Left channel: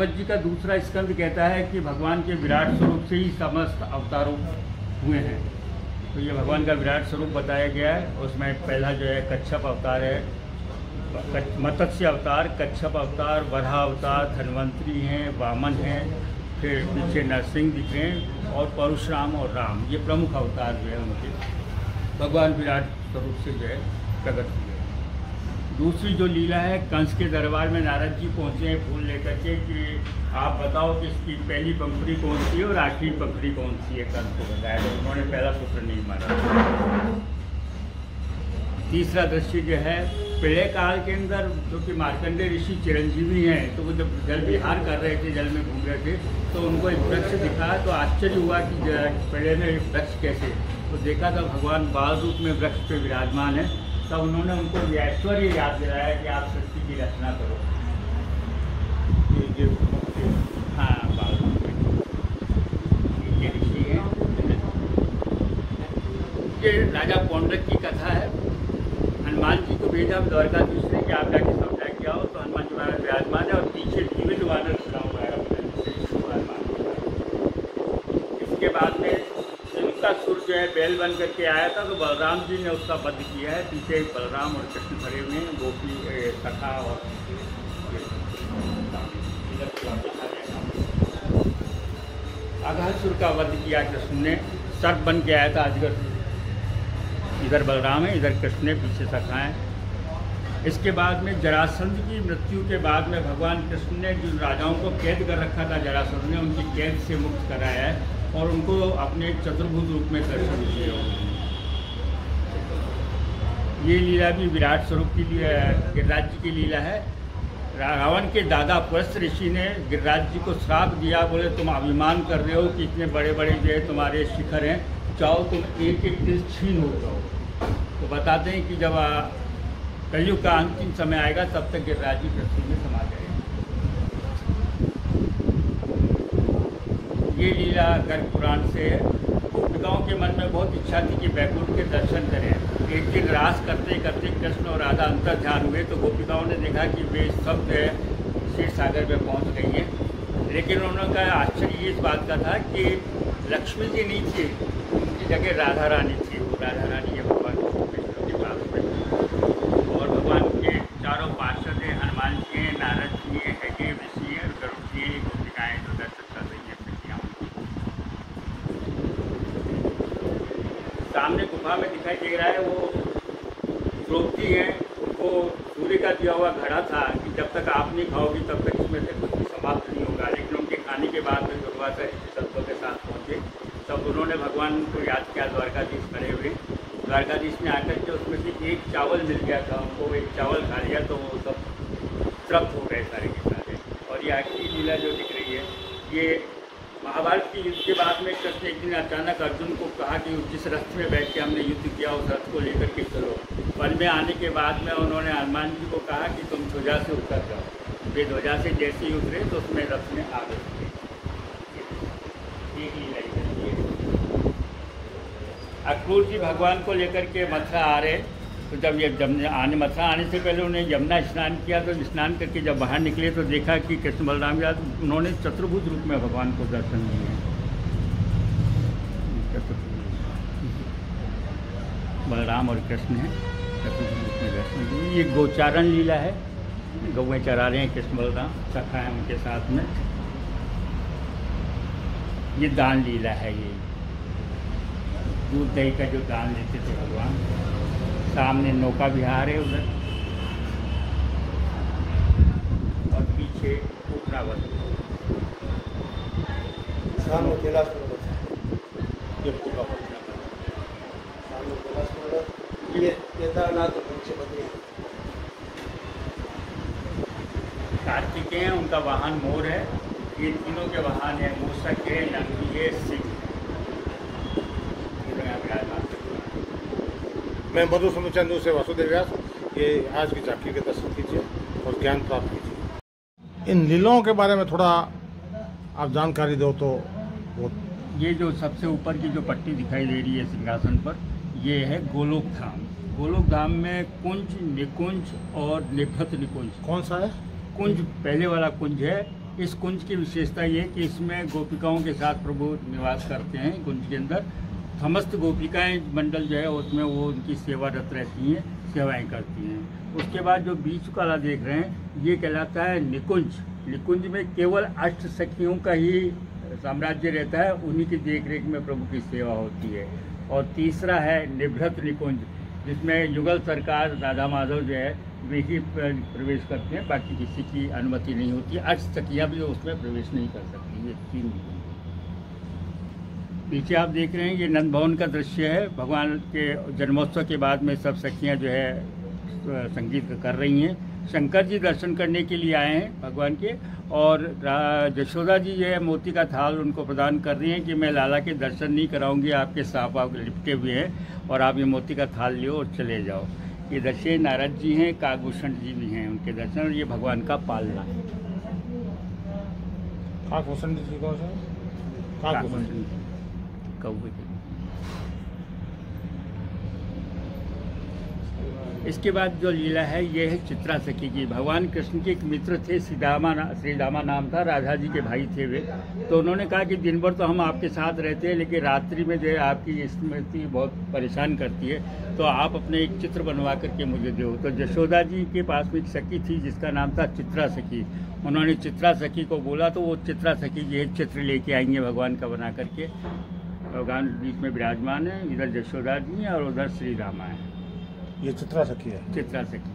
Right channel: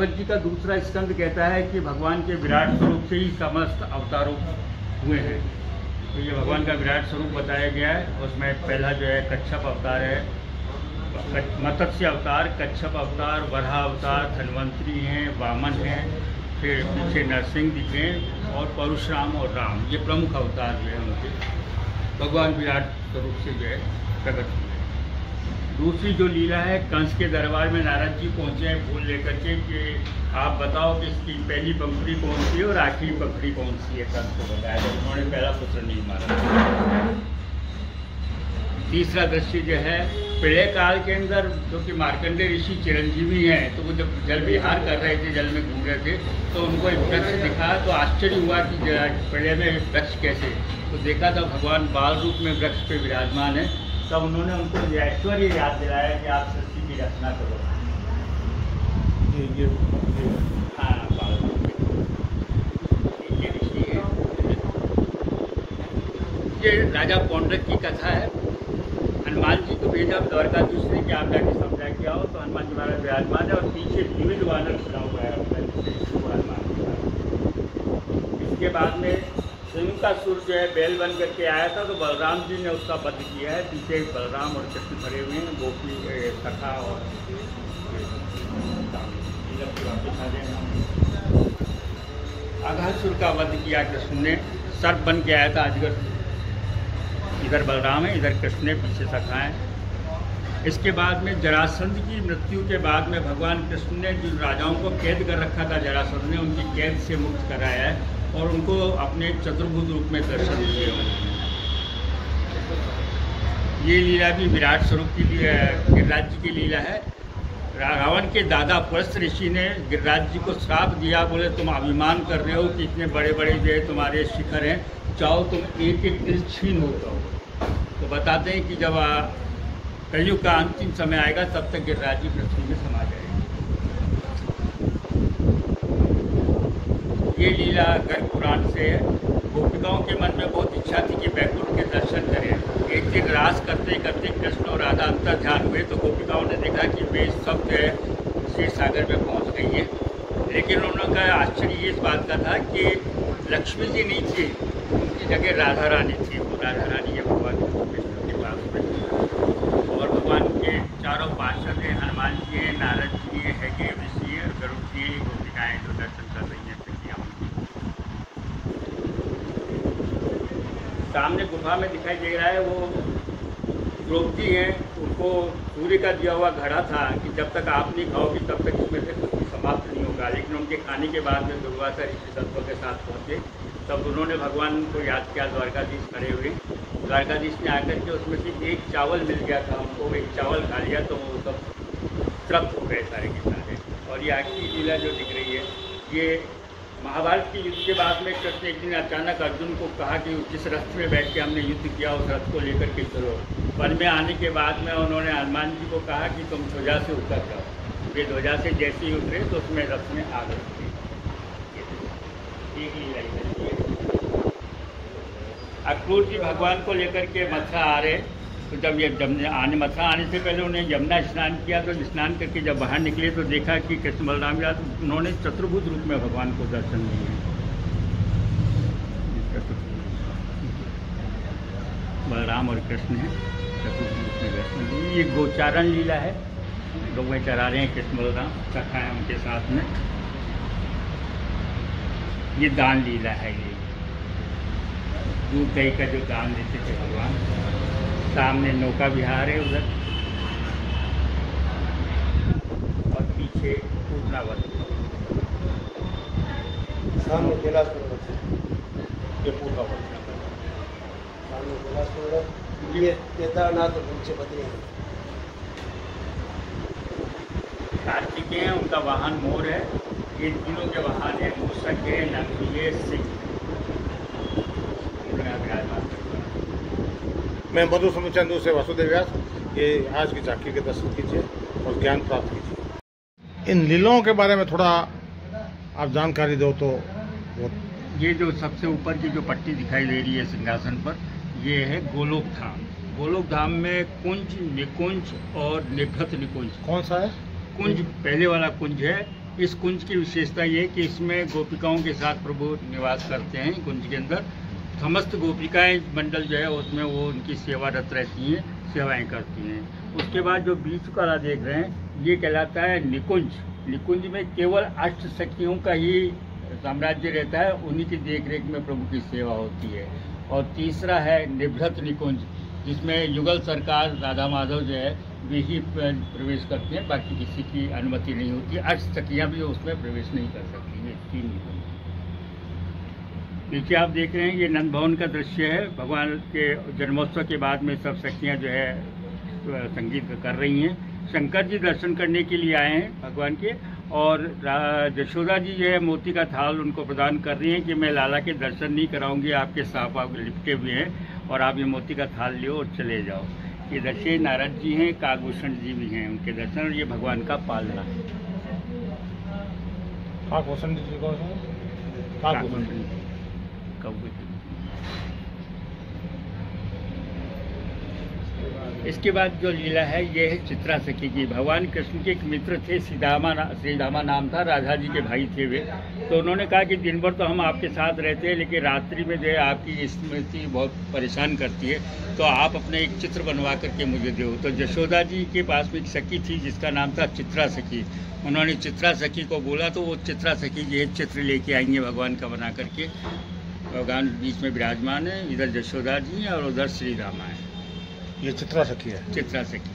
भागवत जी का दूसरा स्कंद कहता है कि भगवान के विराट स्वरूप से ही समस्त अवतारों हुए हैं। तो ये भगवान का विराट स्वरूप बताया गया है। उसमें पहला जो है कच्छप अवतार है, मत्स्य अवतार, कच्छप अवतार, वराह अवतार, धन्वंतरी हैं, वामन हैं, फिर पीछे नरसिंह दिख रहे हैं और परशुराम और राम, ये प्रमुख अवतार जो है उनके भगवान विराट स्वरूप से जो है प्रकट हुए। दूसरी जो लीला है, कंस के दरबार में नारद जी पहुँचे हैं फूल लेकर के कि आप बताओ कि इसकी पहली पंखुड़ी कौन सी है और आखिरी पंखुड़ी कौन सी है। कंस को बताया तो उन्होंने पहला क्वेश्चन नहीं मारा। तीसरा दृश्य जो है, प्रलय काल के अंदर जो कि मार्कंडेय ऋषि चिरंजीवी हैं, तो वो जब जल विहार कर रहे थे, जल में घूम रहे थे, तो उनको एक वृक्ष दिखा तो आश्चर्य हुआ कि प्रलय में वृक्ष कैसे। तो देखा तो भगवान बाल रूप में वृक्ष पे विराजमान है। तब उन्होंने उनको ऐश्वर्य याद दिलाया कि आप सृष्टि की रचना करो। हाँ, बाल रूप में ये राजा पौंड्रक की कथा है। हनुमान जी को भेजा द्वारकाधीश ने कि आप जाके समझा के आओ, तो हनुमान जी महाराज विराजमान है और पीछे विविध वानर इसके बाद में उनका सुर जो है बैल बन करके आया था, तो बलराम जी ने उसका वध किया है। पीछे बलराम और कृष्ण खड़े हुए हैं, गोपी सखा और अघासुर का वध किया कृष्ण ने। सर्प बन के आया था अजगर, इधर बलराम है, इधर कृष्ण है, पीछे सखा है। इसके बाद में जरासंध की मृत्यु के बाद में भगवान कृष्ण ने जिन राजाओं को कैद कर रखा था, जरासंध ने उनकी कैद से मुक्त कराया है और उनको अपने चतुर्भुज रूप में दर्शन दिए। ये लीला भी विराट स्वरूप की गिरिराज जी की लीला है। रावण के दादा पुलस्त ऋषि ने गिरिराज जी को श्राप दिया, बोले तुम अभिमान कर रहे हो कि इतने बड़े बड़े जो है तुम्हारे शिखर हैं, चाहो तुम एक एक दिन छीन हो जाओ। तो बताते हैं कि जब कलयुग का अंतिम समय आएगा तब तक गिरिराज जी पृथ्वी में समा जाएंगे। ये लीला गर्ग पुराण से है। गोपिकाओं के मन में बहुत इच्छा थी कि वैकुंठ के दर्शन करें। एक दिन रास करते करते कृष्ण और राधा अंतर ध्यान हुए, तो गोपिकाओं ने देखा कि वे सब जो है क्षीर सागर में पहुँच गई है। लेकिन उन्होंने का आश्चर्य इस बात का था कि लक्ष्मी जी नहीं थी, उनकी जगह राधा रानी थी। राधा रानी के भगवान के पास में और भगवान के चारों पार्षद हैं, हनुमान जी हैं, नारद जी हैं, हैगे ऋषि हैं, गरुड़ जी, गोपिकाएँ जो दर्शन कर रही हैं। सामने गुफा में दिखाई दे रहा है वो द्रौपदी है, उनको सूर्य का दिया हुआ घड़ा था कि जब तक आप नहीं खाओगी तब तक उसमें से कुछ भी समाप्त नहीं होगा। लेकिन उनके खाने के बाद में दुर्वासा ऋषि तत्व के साथ पहुँचे, तब उन्होंने भगवान को याद किया। द्वारकाधीश खड़े हुए, द्वारकाधीश ने आकर के उसमें से एक चावल मिल गया था उनको, एक चावल खा लिया तो वो सब तृप्त हो गए सारे के सारे। और ये आखिरी लीला जो दिख रही है, ये महाभारत की युद्ध के बाद में कृष्ण एक दिन अचानक अर्जुन को कहा कि जिस रथ में बैठ के हमने युद्ध किया उस रथ को लेकर के चलो। वन में आने के बाद में उन्होंने हनुमान जी को कहा कि तुम ध्वजा से उतर जाओ। ये ध्वजा से जैसे ही उतरे तो उसमें रथ में आग लगी। अक्रूर जी भगवान को लेकर के मथुरा आ रहे, तो जब ये मथुरा आने से पहले उन्हें यमुना स्नान किया, तो स्नान करके जब बाहर निकले तो देखा कि कृष्ण बलराम याद उन्होंने चतुर्भुज रूप में भगवान को दर्शन दिए। बलराम और कृष्ण ने चतुर्भुज रूप में दर्शन दिए। ये गोचारण लीला है, गौएं चरा रहे हैं कृष्ण बलराम, सखा है उनके साथ में। ये दान लीला है, ये दूध दही का जो दान देते थे भगवान। सामने नौका विहार है उधर और पीछे पूतनावत। सामने ये पूतनावत, सामने ये केदारनाथ और पीछे बद्रीनाथ। कार्तिकेय उनका वाहन मोर है। ये तीनों के वाहन है मूषक है, नंदी है, सिंह। मैं मधु समुचंदू से वासुदेव व्यास। ये आज की झांकी के दर्शन कीजिए और ज्ञान प्राप्त कीजिए। इन लीलाओं के बारे में थोड़ा आप जानकारी दो तो। ये जो सबसे ऊपर की जो पट्टी दिखाई दे रही है सिंहासन पर, ये है गोलोक धाम। गोलोक धाम में कुंज, निकुंज और निखत निकुंज। कौन सा है? कुंज पहले वाला कुंज है इस कुंज की विशेषता ये कि इसमें गोपिकाओं के साथ प्रभु निवास करते हैं। कुंज के अंदर समस्त गोपिकाएं मंडल जो है उसमें वो उनकी सेवारत रहती हैं, सेवाएं करती हैं। उसके बाद जो बीच वाला देख रहे हैं ये कहलाता है निकुंज। निकुंज में केवल 8 सखियों का ही साम्राज्य रहता है, उन्हीं की देखरेख में प्रभु की सेवा होती है। और तीसरा है निभृत निकुंज, जिसमें युगल सरकार राधा माधव जो है वे ही प्रवेश करते हैं, बाकी किसी की अनुमति नहीं होती। 8 सखियाँ भी उसमें प्रवेश नहीं कर सकती। ये 3 निकुंज। नीचे आप देख रहे हैं ये नंद भवन का दृश्य है। भगवान के जन्मोत्सव के बाद में सब सखियाँ जो है संगीत कर रही हैं। शंकर जी दर्शन करने के लिए आए हैं भगवान के, और यशोदा जी जो है मोती का थाल उनको प्रदान कर रही हैं कि मैं लाला के दर्शन नहीं कराऊंगी, आपके साफ आप लिपटे हुए हैं और आप ये मोती का थाल लियो और चले जाओ। ये दर्शे नारद जी हैं, काकभूषण जी भी हैं, उनके दर्शन, और ये भगवान का पालना है। काकभूषण जी कौन सा? काकभूषण जी कौवे। इसके बाद जो लीला है ये है चित्रा सखी की। भगवान कृष्ण के एक मित्र थे, श्रीदामा नाम था, राधा जी के भाई थे वे। तो उन्होंने कहा कि दिन भर तो हम आपके साथ रहते हैं, लेकिन रात्रि में जो है आपकी स्मृति बहुत परेशान करती है, तो आप अपने एक चित्र बनवा करके मुझे दो। तो यशोदा जी के पास में एक सखी थी जिसका नाम था चित्रा सखी। उन्होंने चित्रा सखी को बोला तो वो चित्रा सखी जो है चित्र लेके आएंगे भगवान का बना करके। भगवान बीच में विराजमान है, इधर यशोदा जी हैं और उधर श्री रामा है। ये चित्रा सखी है। चित्रा सखी।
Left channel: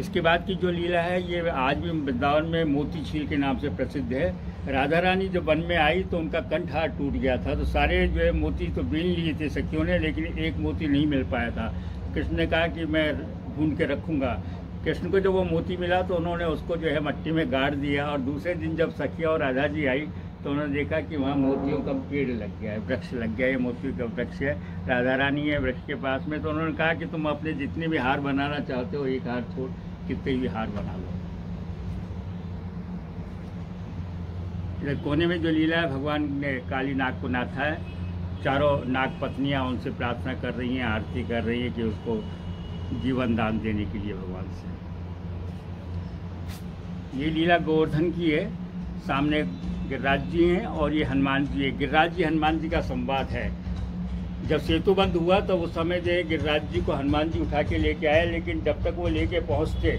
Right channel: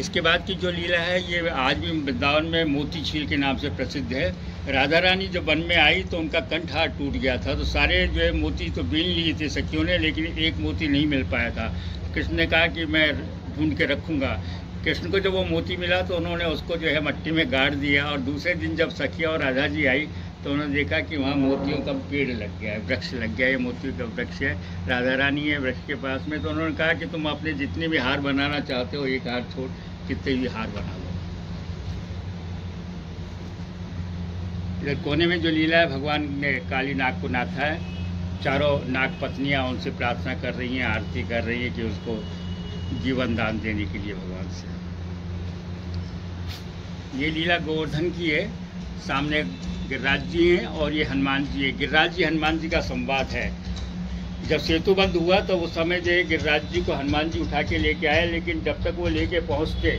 इसके बाद की जो लीला है ये आज भी वृंदावन में मोती झील के नाम से प्रसिद्ध है। राधा रानी जब वन में आई तो उनका कंठ हाथ टूट गया था, तो सारे जो है मोती तो बीन लिए थे सखियों ने, लेकिन एक मोती नहीं मिल पाया था। कृष्ण ने कहा कि मैं ढूंढ के रखूँगा। कृष्ण को जब वो मोती मिला तो उन्होंने उसको जो है मट्टी में गाड़ दिया, और दूसरे दिन जब सखिया और राधा जी आई तो उन्होंने देखा कि वहाँ मोतियों का पेड़ लग गया है, वृक्ष लग गया है, ये मोतियों का वृक्ष है। राधा रानी है वृक्ष के पास में, तो उन्होंने कहा कि तुम अपने जितने भी हार बनाना चाहते हो एक हार छोड़ कितने भी हार बना लो। इधर कोने में जो लीला है, भगवान ने काली नाग को नाथा है। चारों नाग पत्नियाँ उनसे प्रार्थना कर रही हैं, आरती कर रही हैं कि उसको जीवन दान देने के लिए भगवान से। ये लीला गोवर्धन की है। सामने गिरिराज जी हैं और ये हनुमान जी है। गिरिराज जी हनुमान जी का संवाद है। जब सेतु बंद हुआ तो उस समय जो है गिरिराज जी को हनुमान जी उठा के लेके आए, लेकिन जब तक वो लेके पहुँचते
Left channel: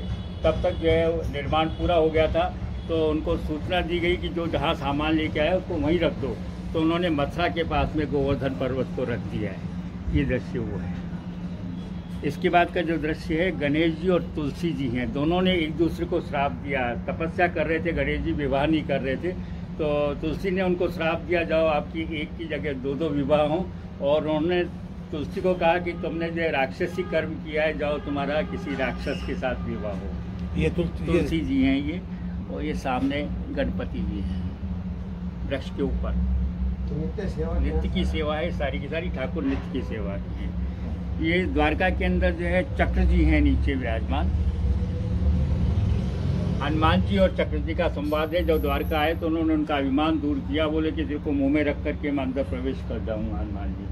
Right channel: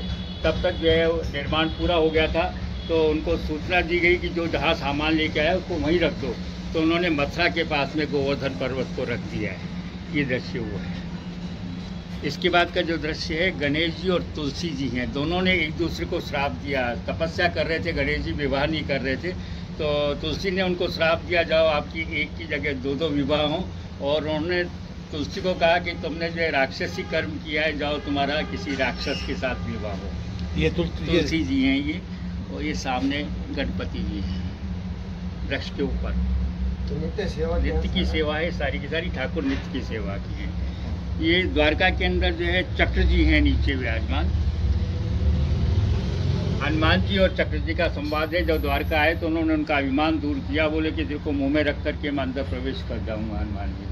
तब तक जो है निर्माण पूरा हो गया था। तो उनको सूचना दी गई कि जो जहाँ सामान लेके आया उसको वहीं रख दो। तो उन्होंने मथुरा के पास में गोवर्धन पर्वत को रख दिया है। ये दृश्य हुआ है। इसके बाद का जो दृश्य है, गणेश जी और तुलसी जी हैं। दोनों ने एक दूसरे को श्राप दिया। तपस्या कर रहे थे, गणेश जी विवाह नहीं कर रहे थे, तो तुलसी ने उनको श्राप दिया, जाओ आपकी एक की जगह 2-2 विवाह हों। और उन्होंने तुलसी को कहा कि तुमने जो है राक्षसी कर्म किया है, जाओ तुम्हारा किसी राक्षस के साथ विवाह हो। ये तुलसी जी हैं ये, और ये सामने गणपति जी हैं वृक्ष के ऊपर। तो नित्य की सेवा है सारी की सारी, ठाकुर नित्य की सेवा की है। ये द्वारका के अंदर जो है चक्र जी हैं नीचे विराजमान। हनुमान जी और चक्र जी का संवाद है। जब द्वारका आए तो उन्होंने उनका अभिमान दूर किया, बोले कि देखो मुंह में रख करके मैं अंदर प्रवेश कर जाऊंगा हनुमान जी।